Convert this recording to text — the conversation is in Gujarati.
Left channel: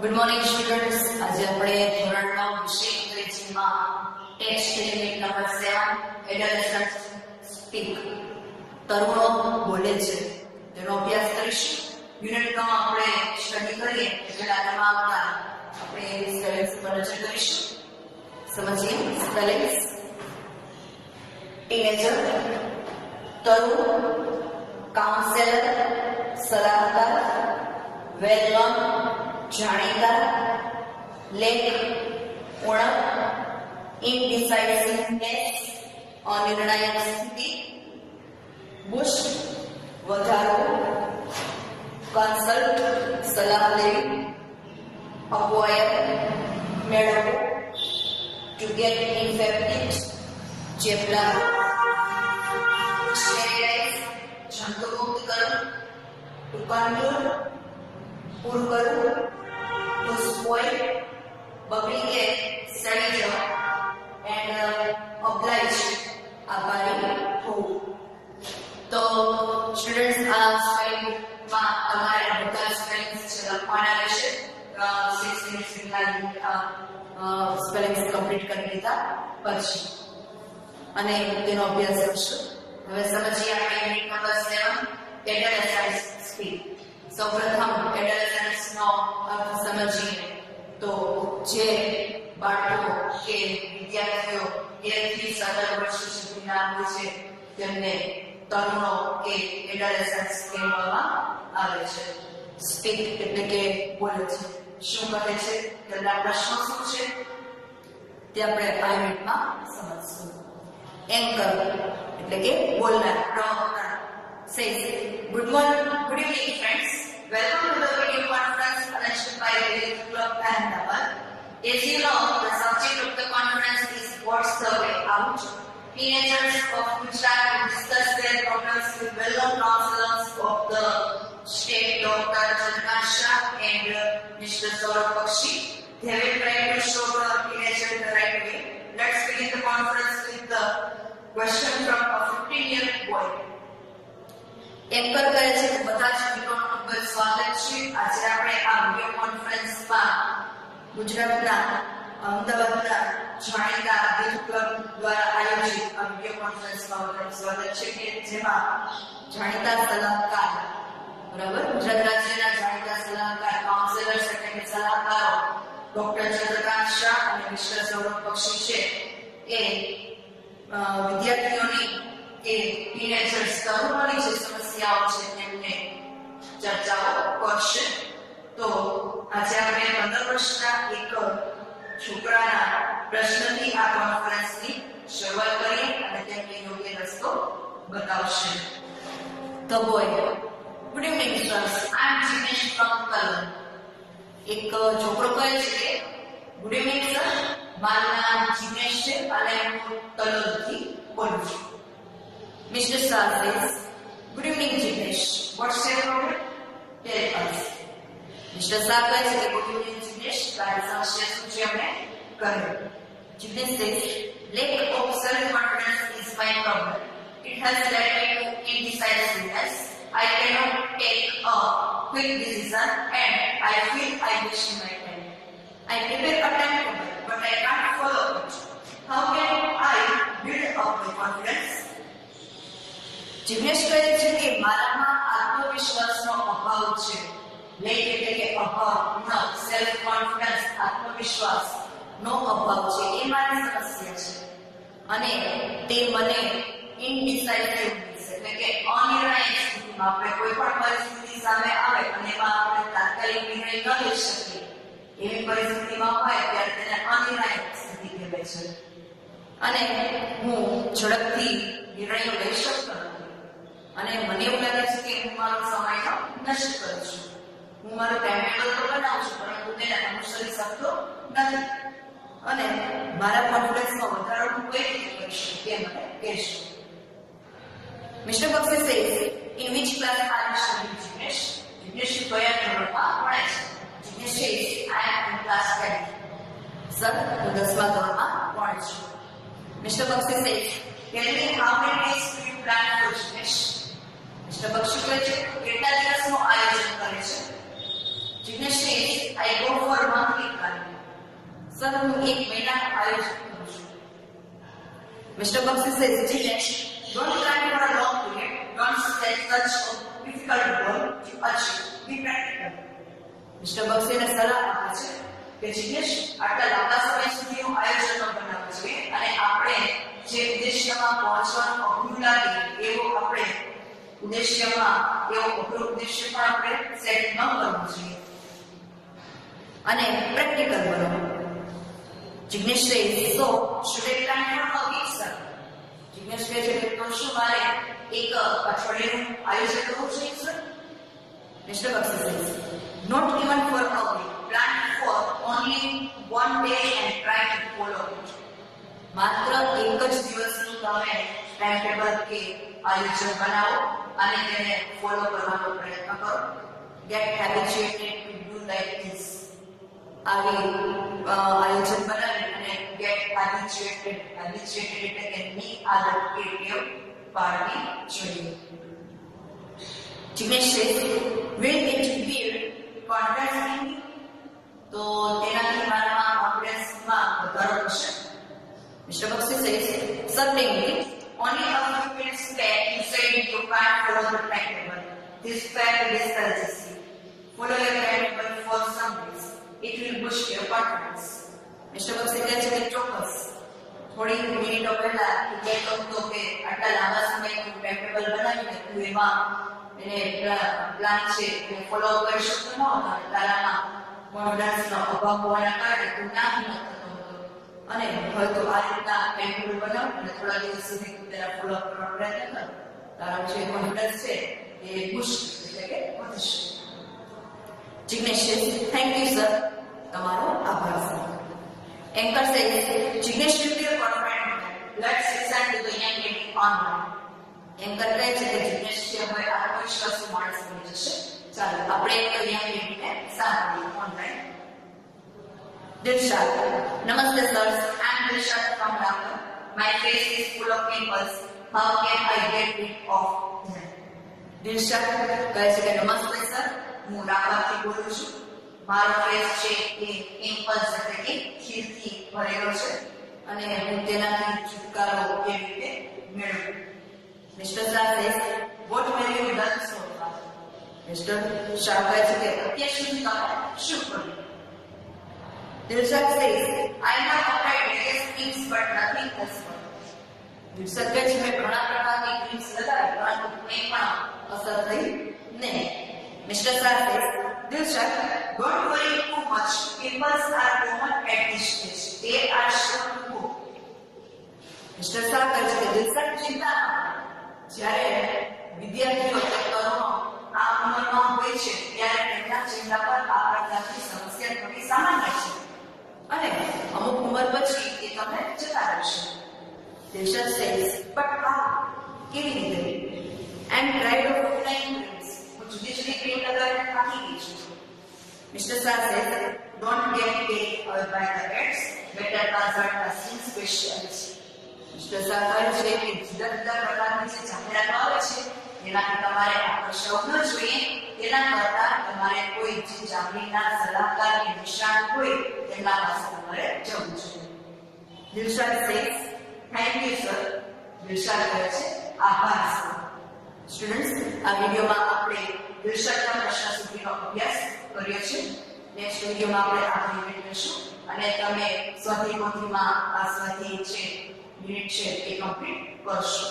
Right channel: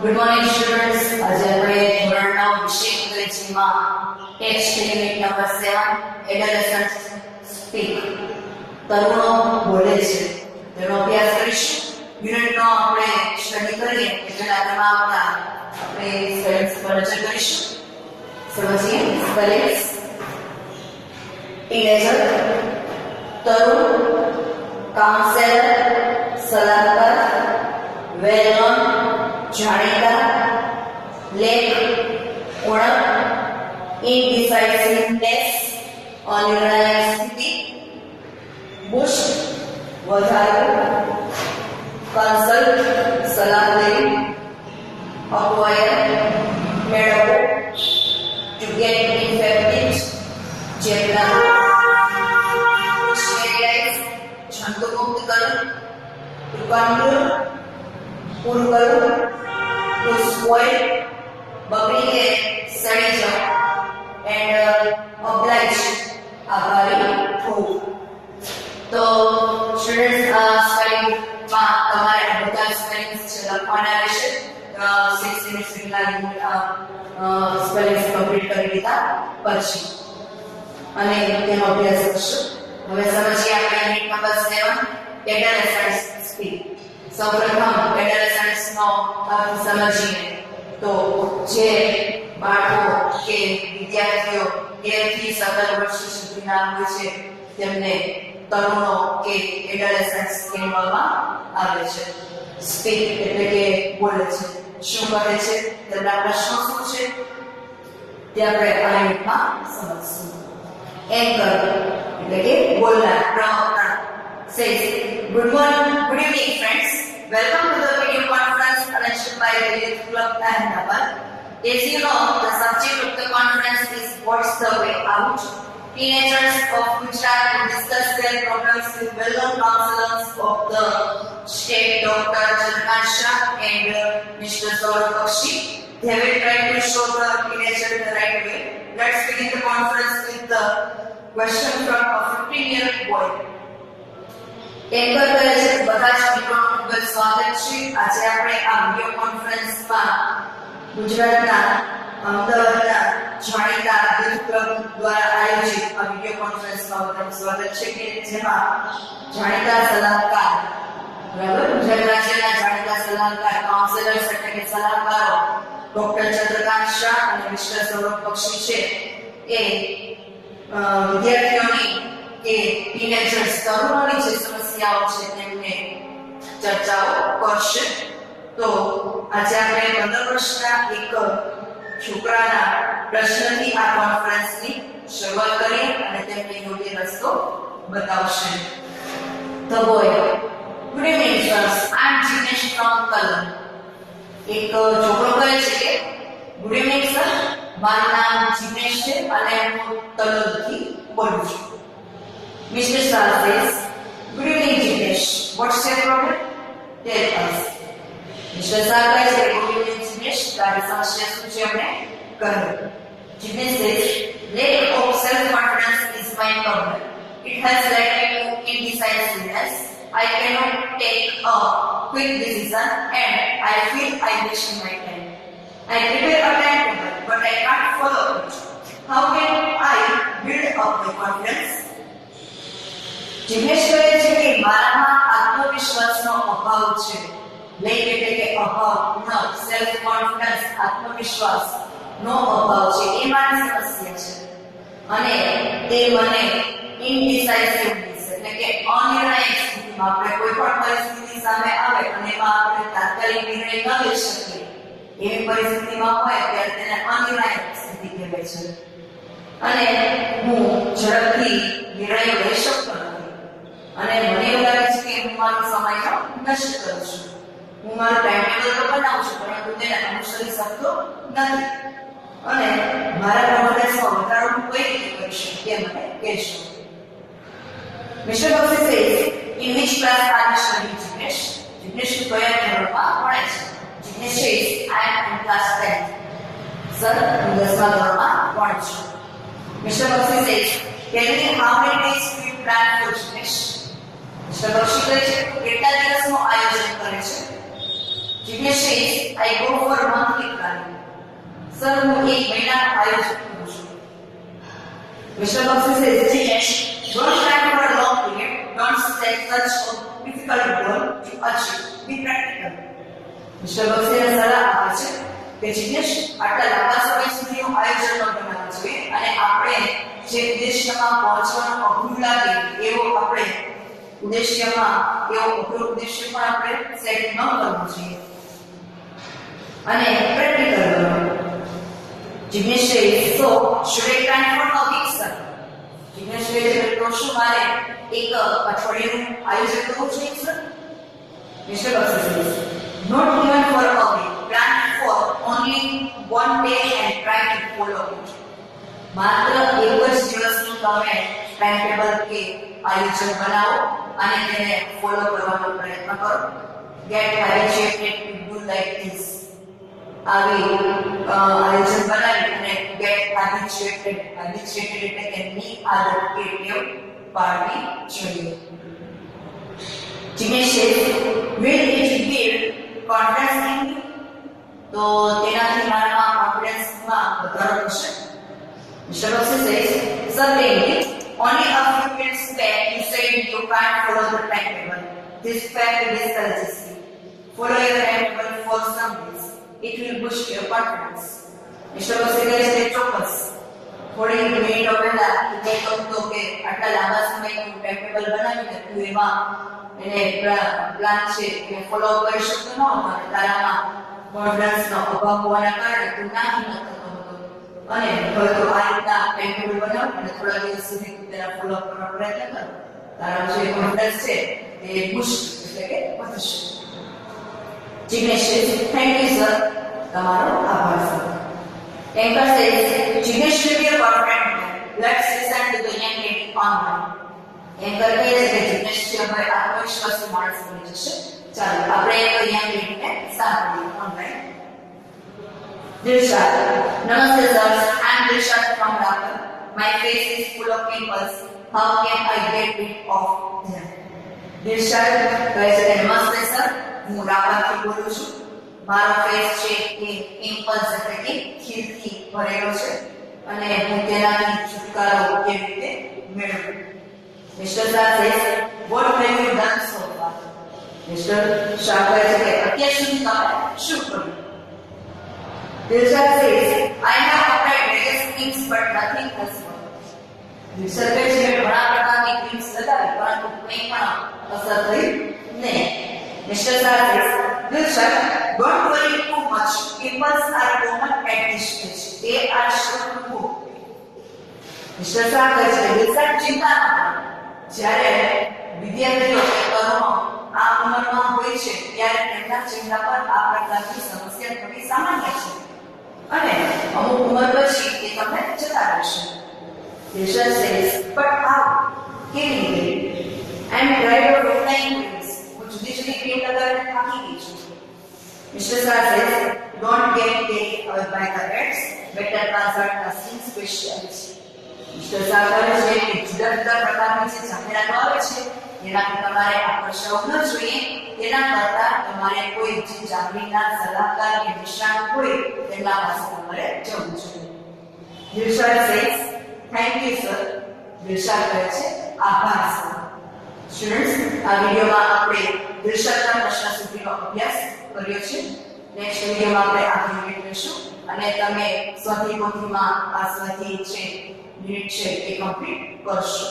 Good morning, students. આજે આપણે ધોરણ 9 વિષય અંગ્રેજીમાં text unit number 7 adolescent speak તરુણો બોલે છે તેનો અભ્યાસ કરીશું. યુનિટનો આપણે સ્ટડી કરીએ એટલે તેમાં આવતા આપણે સ્પેલિંગ્સ પર નજર કરીશું. સમજીએ સ્પેલિંગ્સ. ટીનેજર, તરુણ, કાઉન્સેલર, સલાહકાર, વેલ નોન, જાણીતા, લેખ, ઉણપ, ઇનડિસાઇસિવનેસ, અનિર્ણાયક સ્થિતિ, બુશ, વધારો, કન્સલ્ટ, સલાહ લેવી, અક્વાયર, મેળવવો, ટુ ગેટ ઇન્ફેક્ટેડ, ચેપના, સ્ટેરિલાઇઝ, જંતુમુક્ત કરવું, ટુ કન્ક્લુડ, પૂરું કરવું, ટુ સ્પોઇલ, બગડી કે સડી જવું, એન્ડ ઓબ્લાઇજ, આભારી થવું. તો સ્ટુડન્ટ્સ આ સ્પેલિંગમાં તમારે બધા સ્પેલિંગ્સ લખવાના રહેશે. 6 મિનિટ્સ જેટલા સ્પેલિંગ્સ કમ્પ્લીટ કરી લીધા પછી અને તેનો અભ્યાસ કરશું. હવે સમજીએ આપણે યુનિટ નંબર 7 એડોલેસન્ટ સ્પીક. સૌપ્રથમ એડોલેસન્સનો અર્થ સમજીએ તો જે બાળકો કે વિદ્યાર્થીઓ 13 થી 17 વર્ષ સુધીના હોય છે તેમને તરુણો કે એડોલેસન્ટ્સ કહેવામાં આવે છે. સ્પીક એટલે કે બોલે છે. શું કહે છે, તેમના પ્રશ્નો શું છે તે આપણે આ યુનિટમાં સમજીશું. એન્કર એટલે કે બોલનાર, પ્રવક્તા says, good evening friends. Welcome to the video conference arranged by the Youth Club Ahmedabad. As you know, the subject of the conference is What's the Way Out? Teenagers of Gujarat will discuss their problems with well-known counselors of the state, Dr. Chandran Shah and Mr. Saurabh Bakshi. They will try to show the teenager the right way. Let's begin the conference with the question from a 15-year-old boy. Anchor કરે છે બધા જ મિત્રોનું ખૂબ જ સ્વાગત છે. આજે આપણે આ વિડિયો કોન્ફરન્સમાં ગુજરાતના અમદાવાદના જાણીતા યુથ ક્લબ દ્વારા આયોજિત આ વિડિયો કોન્ફરન્સમાં બધાનું સ્વાગત છે કે જેમાં જાણીતા સલાહકાર, બરાબર, ગુજરાત રાજ્યના જાણીતા સલાહકાર, કાઉન્સેલર્સ એટલે કે સલાહકારો ડોક્ટર ચંદ્રકાંત શાહ અને મિસ્ટર સૌરભ બક્ષી છે એ વિદ્યાર્થીઓની કે ટીનેજર્સ તરુણોની જે સમસ્યાઓ છે તેમને ચર્ચાઓ કરશે. તો આજે આપણે 15 વર્ષના એક છોકરાના પ્રશ્નથી આ કોન્ફરન્સની શરૂઆત કરીએ અને તેમને યોગ્ય રસ્તો બતાવશે. The boy, good evening sirs, I am Jignesh from Kalam. એક છોકરો કહે છે કે ગુડ ઇવનિંગ સર, મારું નામ જિગ્નેશ છે અને હું તલોદથી બોલું છું. Mr. Shah says, good evening Jignesh, what's your problem? Tell us. Mr. Shah says, good evening Jignesh, તારી સમસ્યા શું છે અમને કહો. Jignesh says, lack of self-confidence is my problem. It has led me to indecisiveness. I cannot take a quick decision and I feel I waste my time. I prepare a timetable but I can't follow it. How can I build up my confidence? Jignesh કહે છે કે મારામાં આત્મવિશ્વાસનો અભાવ છે. લેક એટલે કે અભાવ, ન સેલ્ફ કોન્ફિડન્સ, આત્મવિશ્વાસનો અભાવ છે, એ મારી સમસ્યા છે. અને તે મને ઇનડિસાઇસિવનેસ એટલે કે અનિર્ણાયક સ્થિતિમાં, આપણે કોઈ પણ પરિસ્થિતિ સામે આવે અને એમાં આપણે તાત્કાલિક નિર્ણય ન લઈ શકીએ એવી પરિસ્થિતિમાં હોય ત્યારે તેને અનિર્ણાયક સ્થિતિ કહેવાય છે. અને હું ઝડપથી નિર્ણયો લઈ શકતો નથી અને મને એવું લાગે છે કે હું મારો સમયનો નષ્ટ કરું છું. હું મારું ટાઈમટેબલ તો બનાવું છું પરંતુ તેને અનુસરી શકતો નથી અને મારા કોન્ફિડન્સમાં વધારો હું કઈ રીતે કરી શકું તે મને કહેશો. Mister Bakshi says, in which class are you studying, Jignesh? Jignesh કયા ધોરણમાં ભણે છે? Jignesh says, I am in class 10. Sir, હું 10મા ધોરણમાં ભણું છું. Mr. Bક્ષી says, tell me how many days do you plan for Jignesh? Mr. Bક્ષી કહે છે કેટલા દિવસનું આયોજન કરે છે? Jignesh says, I go for monthly planning. Sir, હું એક મહિનાનું આયોજન કરું છું. Mr. Baxi says, Dinesh, don't plan for a long period. Don't set such a difficult goal to achieve. Be practical. Mr. Baxi ને સલાહ આપે છે કે જીનેશ આટલા લાંબા સમય સુધીનું આયોજન ન બનાવવું જોઈએ અને આપણે જે ઉદ્દેશ્યમાં પહોંચવાનો અઘરું લાગે એવો આપણે ઉદ્દેશ્યમાં એવો અઘરો ઉદ્દેશ્ય પણ આપણે સેટ ન કરવો જોઈએ અને પ્રેક્ટિકલ બનવું. જીનેશ કહે so should I plan for a week sir? Jinesh કહે તો શું મારે એક અઠવાડિયાનું આયોજન કરવું જોઈએ sir? Mr. Baxi says not even for a week. Plan for only one day and try to follow it. માત્ર એક જ દિવસનું તમે ટાઈમ ટેબલ કે આયોજન બનાવો અને તેને ફોલો કરવાનો પ્રયત્ન કરો. Get habituated to do like this. આવી આયોજન બનાવી અને get habituated એટલે કે ની આદત કે ટેવ પાડવી જોઈએ. Dinesh says, will it build confidence in me? તો તેનાથી મારામાં કોન્ફિડન્સમાં વધારો થશે. Mr. Baxi says, certainly, only a few minutes back you said you can't follow the timetable. This fact discourages you. Follow your timetable for some days. It will boost your confidence. Mr. Baxi says, ચોક્કસ થોડી મિનિટો પહેલા એ કહ્યું કે આટલા લાંબા સમયનું ટાઈમટેબલ બનાવીને તું એમાં એને પ્લાન છે એ ફોલો કરી શકતો ન હતો અને તારામાં કોન્ફિડન્સનો અભાવ હોવાના કારણે તું નાખી ન થતો હતો અને હવે તો આ રીતના ટાઈમટેબલ બનાવ અને થોડા દિવસ સુધી તું તેના ફોલો કરવાનો પ્રયત્ન કર તારો જે કોન્ફિડન્સ છે એ બુસ્ટ એટલે કે વધશે. Jignesh thank you sir. તમારો આભાર sir. Anchor says, Jinesh will be a confident man. Let's listen to the young lady online. Anchor કહે છે કે જીગ્નેશ છે હવે આત્મવિશ્વાસી માણસ બની જશે. ચાલો આપણે તો young lady ને સાંભળીએ online. Dilshad, Namaste sir. I'm Dilshad from Raipur. My face is full of pimples. How can I get rid of them? Dilshad કહે છે કે નમસ્તે સર. હું રાપરથી બોલું છું. મારો ફેસ છે એ પિમ્પલ્સ એટલે કે ખીલથી ભરેલો છે અને હું તેનાથી છુટકારો કેવી રીતે મેળવું. Mister Shah says, what have you done so far? Mister Shah કહે છે કે અત્યાર સુધી તમે શું કર્યું? Dilshad says, I have applied various creams but nothing has worked. Mister કહે છે કે ઘણા પ્રકારની ક્રીમ્સ લગાવી પરંતુ કંઈ પણ અસર થઈ નહીં. Mr. Shah says, Dilshad, don't worry too much. Pimples are common at this stage. They are sure to go. Mr. Shah says, Dilshad, ચિંતા ન કરો. જ્યારે વિદ્યાર્થીઓ આ ઉંમરમાં હોય છે ત્યારે તેમના ચહેરા પર આ પ્રકારની સમસ્યા થવી સામાન્ય છે અને અમુક ઉંમર પછી એ તમને જતા રહેશે. Dilshad says, but how? કેવી રીતે? And tried out of time જુદી જુદી ક્રીમ લગાવીને થાકી ગઈ છું. Mr. Shah says, don't get carried away by the ads. Better consult a skin specialist. Mr. Shah કહે છે કે જુદા જુદા પ્રકારની જે જાહેરાતો આવે છે એનાથી તમારે આકર્ષાવું ન જોઈએ. તેના કરતાં તમારે કોઈ જે જાગીરના સલાહકાર કે નિષ્ણાત હોય તેમના પાસે તમારે જવું જોઈએ. Dilshad says, thank you sir. Dilshad કહે છે આભાર સર. સ્ટુડન્ટ્સ આ વિડિયોમાં આપણે દિલશાદના પ્રશ્ન સુધીનો અભ્યાસ કર્યો છે. નેક્સ્ટ વિડિયોમાં આપણે આગળ યુનિટ લઈશું અને તમે સ્વાધ્યાય પોથીમાં આ સ્વાધ્યાય છે યુનિટ છે એ કમ્પ્લીટ કરશો.